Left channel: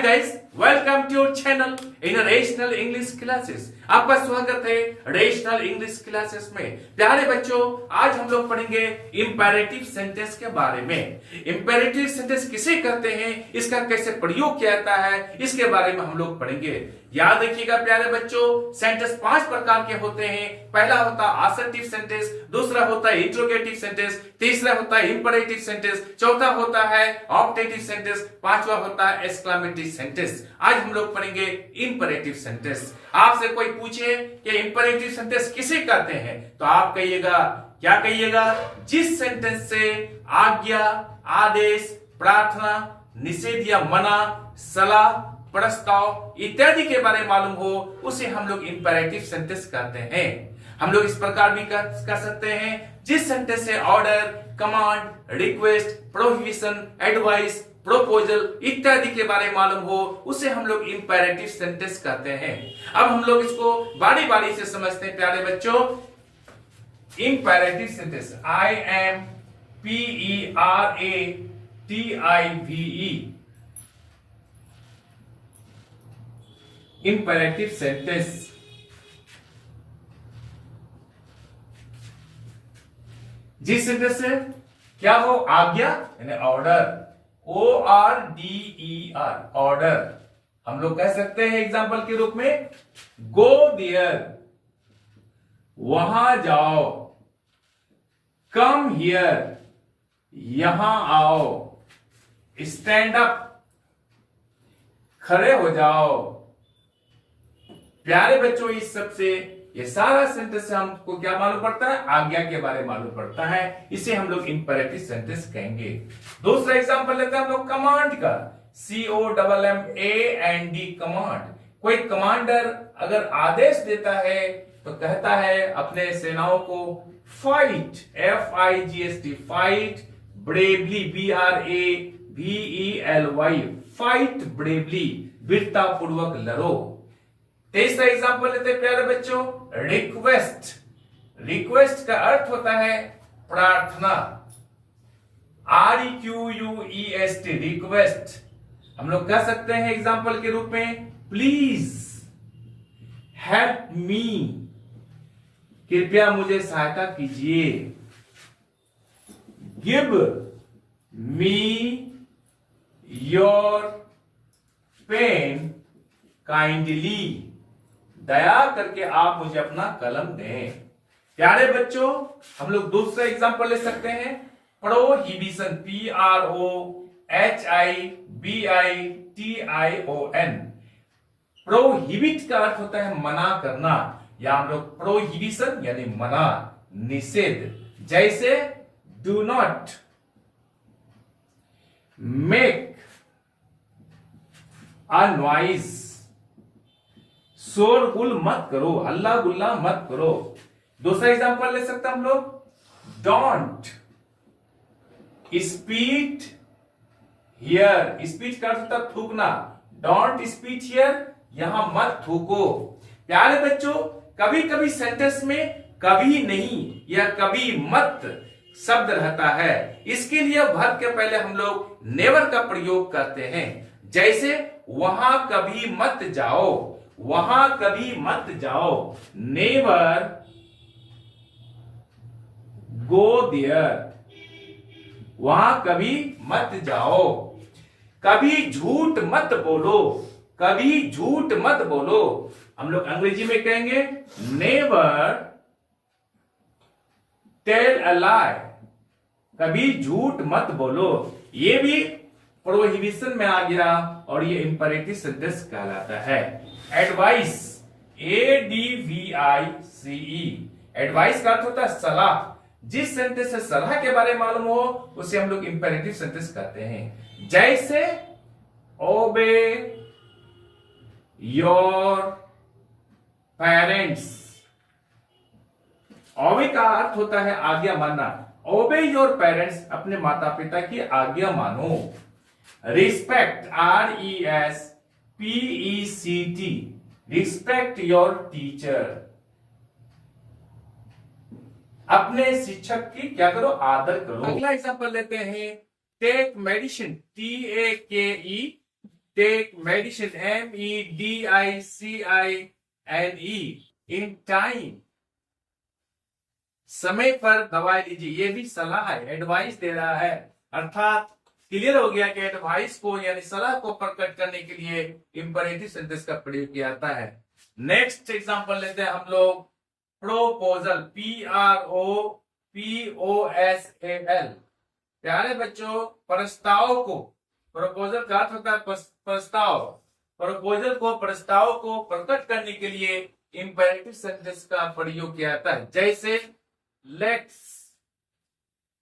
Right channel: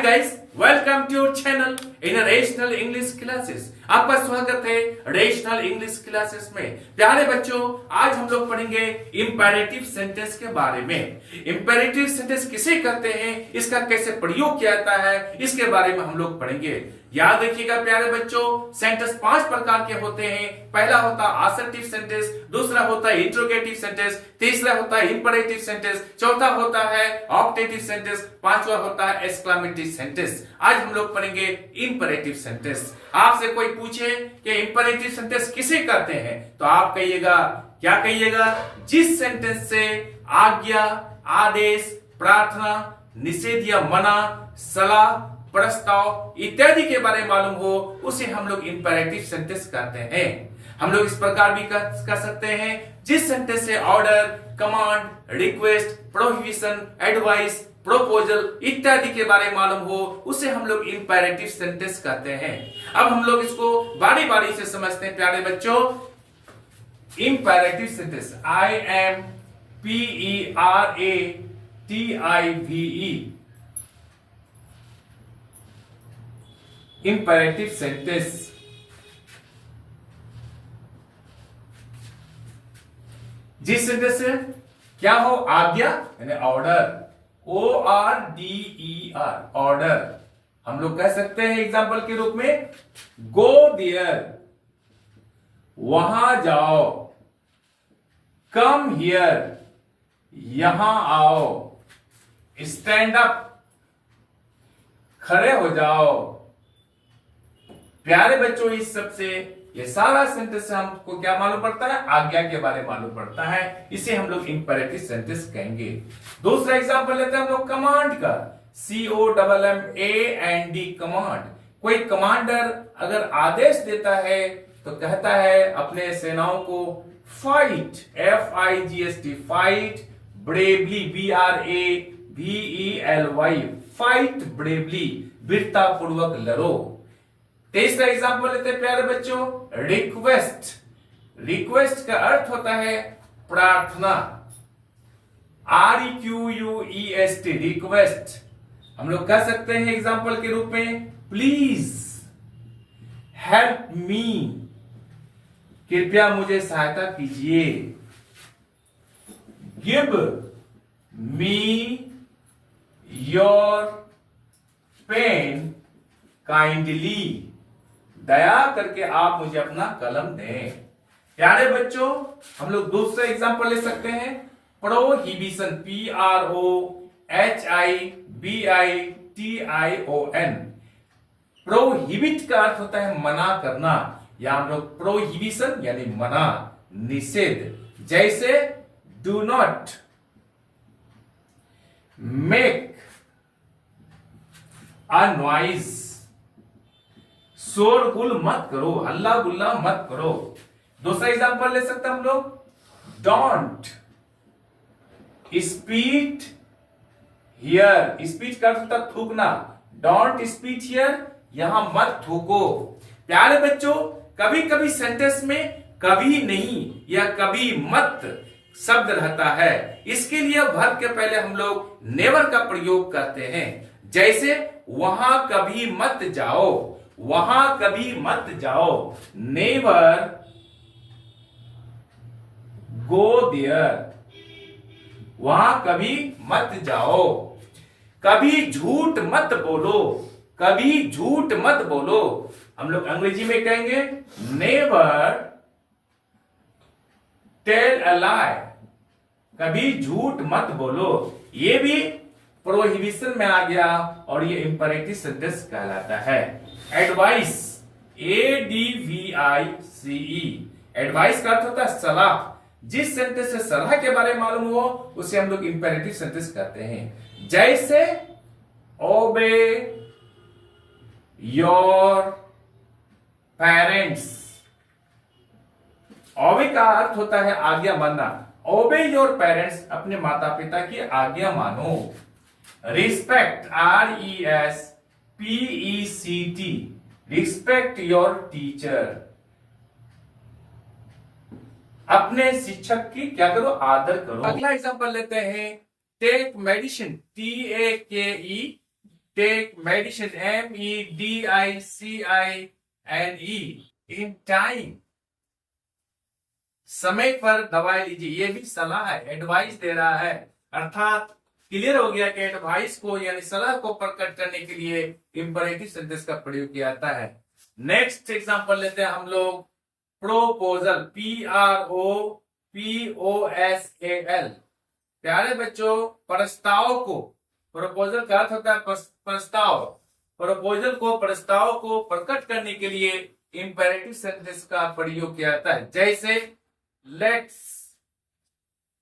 Hi guys, welcome to your channel in rational English classes. आपका स्वागत है rational English classes में। प्यारे बच्चों, आज हम लोग पढ़ेंगे इंपेरेटिव सेंटेंस के बारे में। इंपेरेटिव सेंटेंस किसे कहते हैं, इसका कैसे प्रयोग किया जाता है, इसके बारे में हम लोग पढ़ेंगे। याद रखिएगा प्यारे बच्चों, सेंटेंस 5 प्रकार के होते हैं। पहला होता है असर्टिव सेंटेंस, दूसरा होता है इंट्रोगेटिव सेंटेंस, तीसरा होता है इंपेरेटिव सेंटेंस, चौथा होता है ऑप्टेटिव सेंटेंस, पांचवा होता है एक्सक्लेमेटरी सेंटेंस। आज हम लोग पढ़ेंगे इंपेरेटिव सेंटेंस। आपसे कोई पूछे कि इंपेरेटिव सेंटेंस किसे कहते हैं, तो आप कहिएगा, क्या कहिएगा? जिस सेंटेंस से आज्ञा, आदेश, प्रार्थना, निषेध या मना, सलाह, प्रस्ताव इत्यादि के बारे में मालूम हो, उसे हम लोग इंपेरेटिव सेंटेंस कहते हैं। हम लोग इस प्रकार भी कर सकते हैं, जिस सेंटेंस से order, command, request, prohibition, advice, proposal इत्यादि के बारे में मालूम हो, उसे हम लोग इंपेरेटिव सेंटेंस कहते हैं। अब हम लोग इसको बारी बारी से समझते हैं प्यारे बच्चों। Imperative sentence, IMPERATIVE, imperative sentence. जिस सेंटेंस से क्या हो, आज्ञा यानी ऑर्डर, ORDER, ऑर्डर। हम लोग कह सकते हैं एग्जाम्पल के रूप में, गो देयर, वहां जाओ, कम हियर, यहां आओ, स्टैंड अप, खड़े हो जाओ। प्यारे बच्चों, इस सबसे ये सारा सेंटेंस से हमको क्या मालूम पड़ता है? आज्ञा के बारे में मालूम पड़ता है। इसे हम लोग इंपेरेटिव सेंटेंस कहेंगे। दूसरा एग्जांपल लेते हैं हम लोग कमांड का, COMMAND, कमांड। कोई कमांडर अगर आदेश देता है तो कहता है अपने सेनाओं को fight, FIGHT, fight bravely, BRAVELY, fight bravely, वीरता पूर्वक लड़ो। तीसरा एग्जांपल लेते हैं प्यारे बच्चों, रिक्वेस्ट। रिक्वेस्ट का अर्थ होता है प्रार्थना, REQUEST, रिक्वेस्ट। हम लोग कह सकते हैं एग्जांपल के रूप में, प्लीज हेल्प मी, कृपया मुझे सहायता कीजिए। Give me your pen kindly, दया करके आप मुझे अपना कलम दें। प्यारे बच्चों, हम लोग दूसरा एग्जांपल ले सकते हैं, प्रोहिबिशन, PROHIBITION। प्रोहिबिट का अर्थ होता है मना करना, या हम लोग प्रोहिबिशन यानी मना, निषेध। जैसे do not make a noise, शोरगुल मत करो, हल्ला गुल्ला मत करो। दूसरा एग्जांपल ले सकते हैं हम लोग, डोंट स्पीट हियर। स्पीच का अर्थ होता है थूकना, डोंट स्पीट हियर, यहां मत थूको। प्यारे बच्चों, कभी कभी सेंटेंस में कभी नहीं या कभी मत शब्द रहता है, इसके लिए वर्ब के पहले हम लोग नेवर का प्रयोग करते हैं। जैसे वहां कभी मत जाओ, वहां कभी मत जाओ, नेवर गो देयर, वहां कभी मत जाओ। कभी झूठ मत बोलो, कभी झूठ मत बोलो। हम लोग अंग्रेजी में कहेंगे, नेवर टेल अ लाई, कभी झूठ मत बोलो। ये भी प्रोहिबिशन में आ गया और ये इंपेरेटिव सेंटेंस कहलाता है। एडवाइस, ADVICE, एडवाइस का अर्थ होता है सलाह। जिस सेंटेंस से सलाह के बारे में मालूम हो, उसे हम लोग इंपेरेटिव सेंटेंस कहते हैं। जैसे ओबे योर पेरेंट्स। ओबे का अर्थ होता है आज्ञा मानना। ओबे योर पेरेंट्स, अपने माता पिता की आज्ञा मानो। Respect, RESPECT, respect your teacher, अपने शिक्षक की क्या करो, आदर करो। अगला एग्जांपल लेते हैं, take medicine, TAKE, take medicine, MEDICINE, in time, समय पर दवाई लीजिए। ये भी सलाह है, एडवाइस दे रहा है, अर्थात क्लियर हो गया कि एडवाइस को यानी सलाह को प्रकट करने के लिए इंपरेटिव सेंटेंस का प्रयोग किया जाता है। नेक्स्ट एग्जांपल लेते हैं हम लोग, प्रोपोजल, PROPOSAL। प्यारे बच्चों, प्रस्ताव को, प्रपोजल का अर्थ होता है प्रस्ताव, प्रस्ताव को प्रकट करने के लिए इंपरेटिव सेंटेंस का प्रयोग किया जाता है। जैसे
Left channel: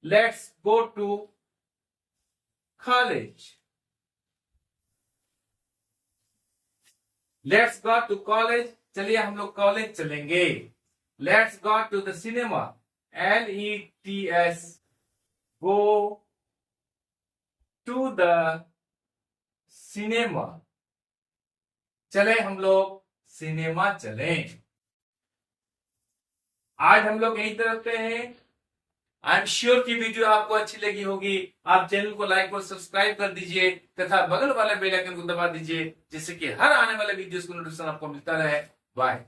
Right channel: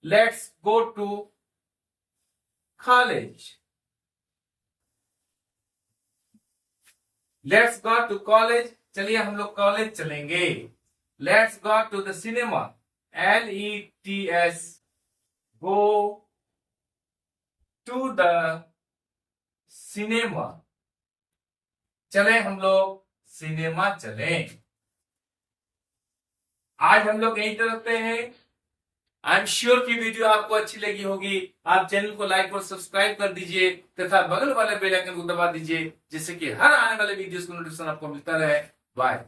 let's go to college, let's go to college, चलिए हम लोग कॉलेज चलेंगे। Let's go to the cinema, LETS, go to the cinema, चले हम लोग सिनेमा चलें। आज हम लोग यहीं तक रखते हैं। आई एम श्योर की वीडियो आपको अच्छी लगी होगी। आप चैनल को लाइक और सब्सक्राइब कर दीजिए तथा बगल वाले बेल आइकन को दबा दीजिए, जिससे कि हर आने वाले वीडियोस का नोटिफिकेशन आपको मिलता रहे। बाय।